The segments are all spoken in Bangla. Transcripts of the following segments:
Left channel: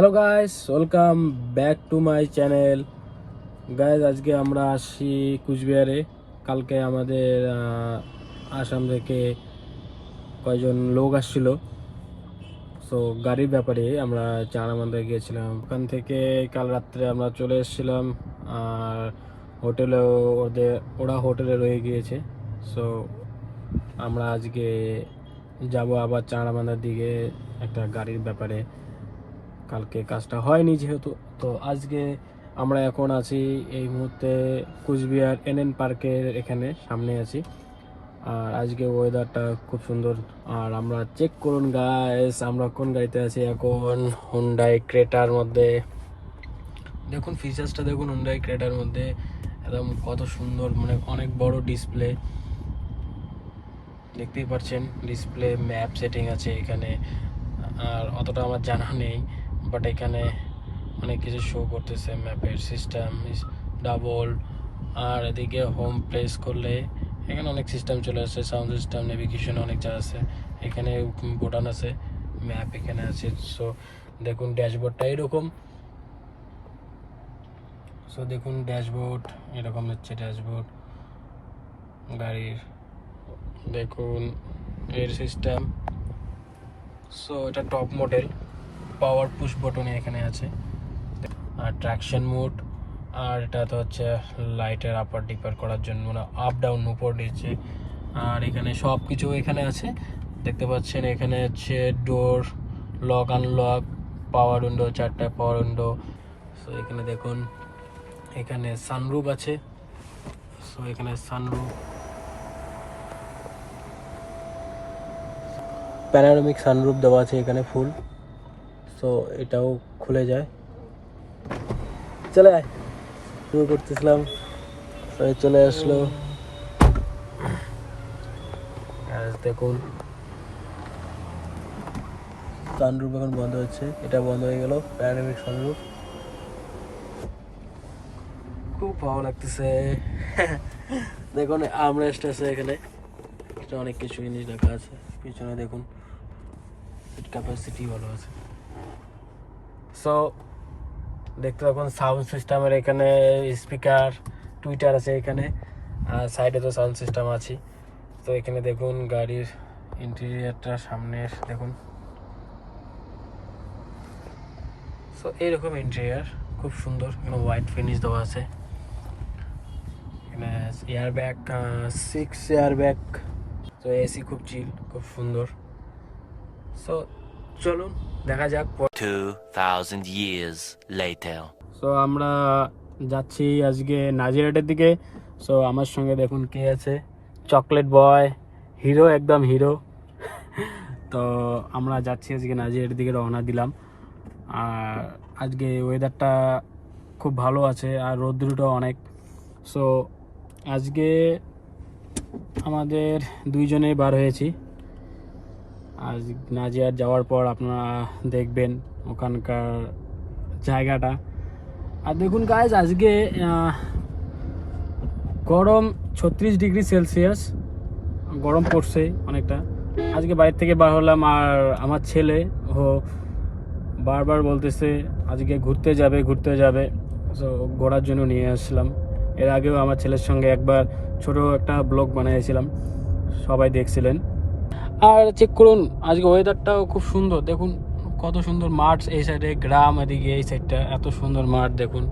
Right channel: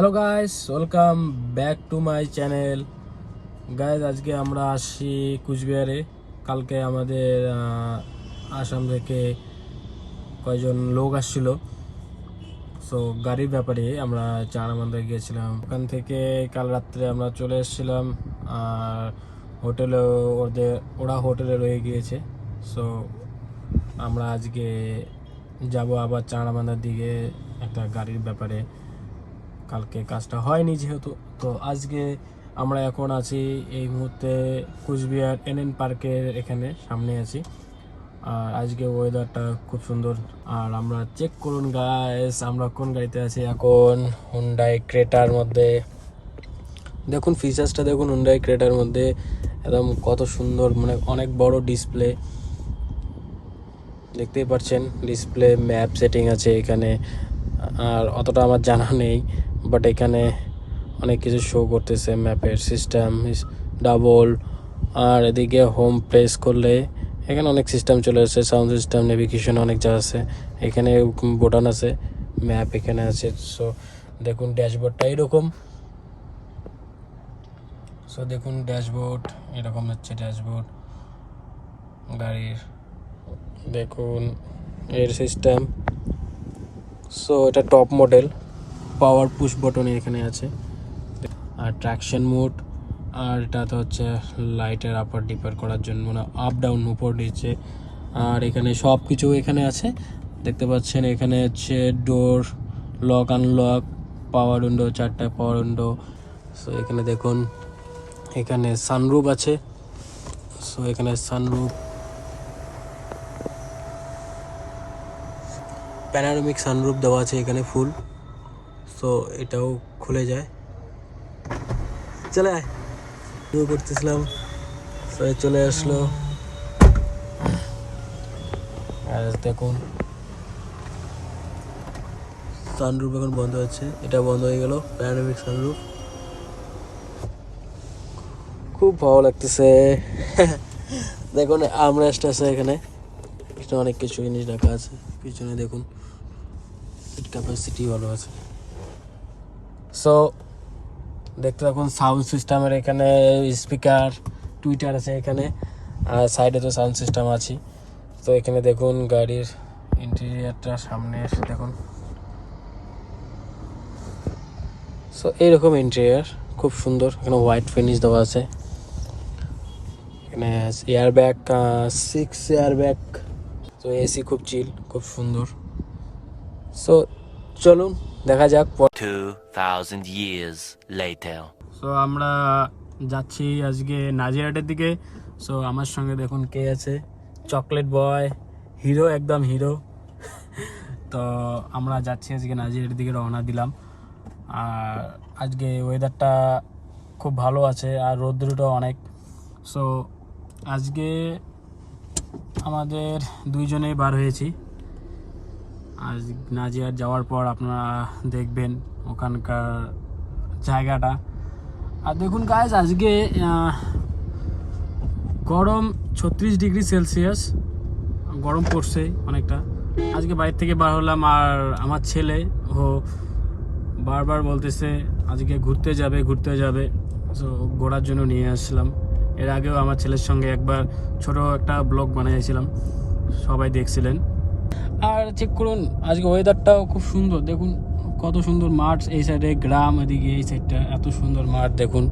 Hello guys, welcome back to my channel. Guys, আজকে আমরা আসি কুচবিহারে। কালকে আমাদের আসাম থেকে কয়েকজন লোক আসছিল, সো গাড়ির ব্যাপারে আমরা চারামান্দায় গিয়েছিলাম। ওখান থেকে কাল রাত্রে আমরা চলে এসেছিলাম, আর হোটেলে ওরা হোটেলে রয়ে গিয়েছে। সো আমরা আজকে যাব আবার চারামান্দার দিকে একটা গাড়ির ব্যাপারে। কালকে কাজটা হয়নি যেহেতু, তো আজকে আমরা এখন আছি এই মুহূর্তে কুচবিহার এনএন পার্কের এখানে সামনে আছি। আর আজকে ওয়েদারটা খুব সুন্দর। আর আমরা চেক করুন গাইস, আমরা কোন গাড়িতে আছি এখন। হুন্ডাই ক্রেটার মধ্যে দেখুন, ফিচার্সটা দেখুন। হুন্ডাই ক্রেটার মধ্যে একদম কত সুন্দর, মানে অনেক বড় ডিসপ্লে দেখতেই পাচ্ছেন। ডিসপ্লে ম্যাপ সেটিং আছে এখানে, আর অতটা আমার জানা নেই, বাট এখানে অনেক কিছু শো করতেছে। ম্যাপের সিস্টেম ডাবল, আর এদিকে হোম প্রেস করলে এখানে অনেক সিস্টেম চলে আসছে। সাউন্ড সিস্টেম, নেভিগেশন অনেক যা আছে এখানে। বোটান আছে, ম্যাপ এখানে আছে। সো দেখুন ড্যাশবোর্ডটা এরকম। সো দেখুন ড্যাশবোর্ড এরকম হচ্ছে। ড্যাশবোর্ড গাড়ির দেখুন এর সিস্টেম। সো এটা টপ মডেল, পাওয়ার পুশ বটন এখানে আছে, আর ট্র্যাকশন মোড। আর এটা তো হচ্ছে লাইটের আপার ডিপার করার জন্য, মানে আপ ডাউন উপর নিচে। আর এখানে সব কিছু এখানে আছে দেখতে পাচ্ছেন। এখানে হচ্ছে ডোর লক আনলক, পাওয়ার উইন্ডো, 4টা পাওয়ার উইন্ডো। সো এখানে দেখুন, এখানে সানরুফ আছে। সো এখানে সানরুফ, প্যানোরামিক সানরুফ দেওয়া আছে এখানে ফুল। সো এটাও খুলে যায়। চলে আয়, শুরু করতেছিলাম, চলে আসলো। আর দেখুন সানরুফ এখন বন্ধ হচ্ছে, এটা বন্ধ হয়ে গেল। প্যানোরামিক সানরুফ খুব ভালো লাগতেছে। দেখুন আমরেস্ট আছে এখানে, অনেক কিছু জিনিস রাখা আছে। পিছনে দেখুন সিট ক্যাপাসিটি ভালো আছে। সো দেখতে থাকুন সাউন্ড সিস্টেমের এখানে স্পিকার, টুইটার আছে এখানে, আর সাইডে তো সাউন্ড সিস্টেম আছে। তো এখানে দেখুন গাড়ির ইন্টেরিয়ারটা সামনে এসে দেখুন। সো এইরকম ইন্টেরিয়ার খুব সুন্দর। এখানে হোয়াইট ফিনিশ দেওয়া আছে। এখানে এয়ার ব্যাগ, 6 এয়ার ব্যাগ। তো এসি খুব চিল, খুব সুন্দর। সো চলুন দেখা যাক। 2000 years later. সো আমরা যাচ্ছি আজকে নাজিরহাটের দিকে। সো আমার সঙ্গে দেখুন কে আছে, চকলেট বয়, হিরো, একদম হিরো। তো আমরা যাচ্ছি আজকে নাজিরহাটের দিকে, রওনা দিলাম। আর আজকে ওয়েদারটা খুব ভালো আছে, আর রৌদ্রটাও অনেক। সো আজকে আমাদের দুইজনেই বার হয়েছি। আজ নাজিরহাট যাওয়ার পর আপনারা দেখবেন ওখানকার জায়গাটা। আর দেখুন গাইজ, আজকে গরম 36 ডিগ্রি সেলসিয়াস গরম পড়ছে অনেকটা। আজকে বাইরে থেকে বার হলাম, আর আমার ছেলে ও বারবার বলতেছে আজকে ঘুরতে যাবে। সো ঘোরার জন্য নিয়ে আসলাম। এর আগেও আমার ছেলের সঙ্গে একবার ছোট একটা ব্লগ বানিয়েছিলাম, সবাই দেখছিলেন। আর চেক করুন আজকে ওয়েদারটাও খুব সুন্দর। দেখুন কত সুন্দর মাঠ, এই সাইডে গ্রাম, এদিকে এই সাইডটা এত সুন্দর মাঠ দেখুন।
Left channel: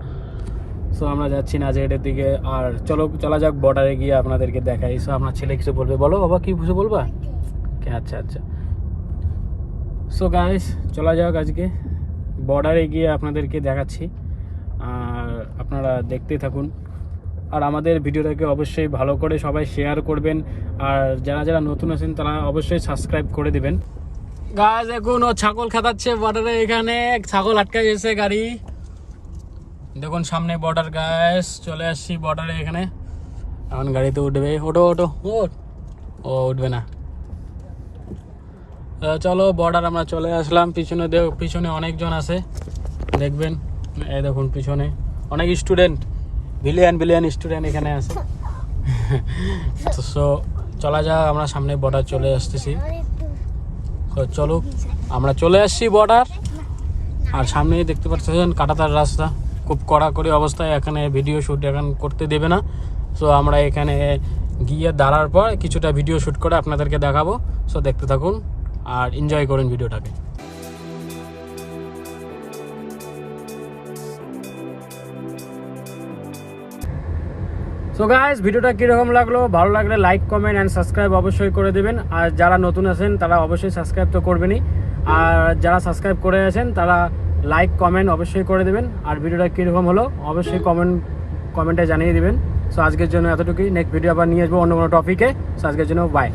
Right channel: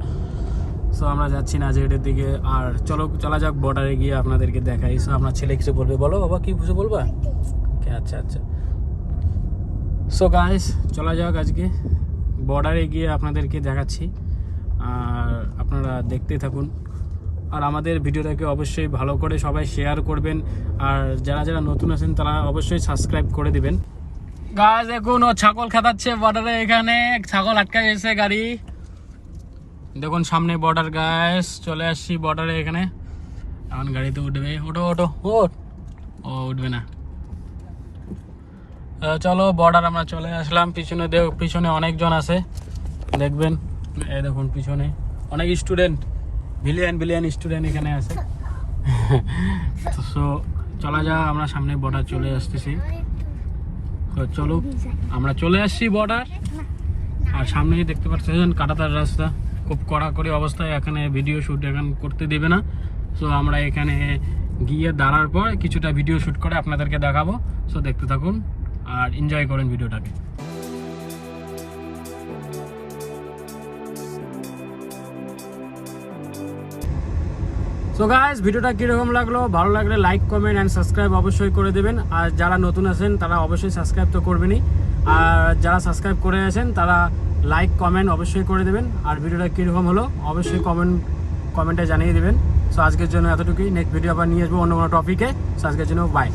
সো আমরা যাচ্ছি নাজিরহাটের দিকে, আর চলা যাক বর্ডারে গিয়ে আপনাদেরকে দেখাই। সো আপনার ছেলে কিছু বলবে, বলো বাবা, কি কিছু বলবা? আচ্ছা। সো গাইস, চলা যাক আজকে বর্ডারে গিয়ে আপনাদেরকে দেখাচ্ছি, আর আপনারা দেখতে থাকুন। আর আমাদের ভিডিওটাকে অবশ্যই ভালো করে সবাই শেয়ার করবেন, আর যারা নতুন আছেন তারা অবশ্যই সাবস্ক্রাইব করে দিবেন। গাছ দেখুন, ও ছাগল খাতাচ্ছে বর্ডারে। এখানে ছাগল আটকা গেছে গাড়ি। দেখুন সামনে বর্ডার গাছ, চলে আসছি বর্ডারে। এখানে এখন গাড়িতে উঠবে। ওটো ও উঠবে না। চলো বর্ডার আমরা চলে আসলাম। পিছনে অনেকজন আছে দেখবেন। এই দেখুন পিছনে অনেক স্টুডেন্ট, বিলিয়ন স্টুডেন্ট এখানে আছে। তো চলা যাক, আমরা সামনে বর্ডার চলে আসতেছি। তো চলো, আমরা চলে আসছি বর্ডার। আর সামনেই দেখতে পাচ্ছেন কাঁটাতার রাস্তা, খুব কড়াকড়ি অবস্থায়, এখানে ভিডিও শ্যুট এখন করতে দেবে না। সো আমরা এখানে গিয়ে দাঁড়ার পর কিছুটা ভিডিও শ্যুট করে আপনাদেরকে দেখাবো। সো দেখতে থাকুন আর এনজয় করুন ভিডিওটাকে। সো গাইস, ভিডিওটা কীরকম লাগলো, ভালো লাগলে লাইক কমেন্ট অ্যান্ড সাবস্ক্রাইব অবশ্যই করে দেবেন। আর যারা নতুন আছেন তারা অবশ্যই সাবস্ক্রাইব তো করবেনই, আর যারা সাবস্ক্রাইব করে আছেন তারা লাইক কমেন্ট অবশ্যই করে দেবেন। আর ভিডিওটা কীরকম হলো অবশ্যই কমেন্টে জানিয়ে দেবেন। সো আজকের জন্য এতটুকুই, নেক্সট ভিডিও আবার নিয়ে আসবো অন্য কোনো টপিকে। সো আজকের জন্য বাই।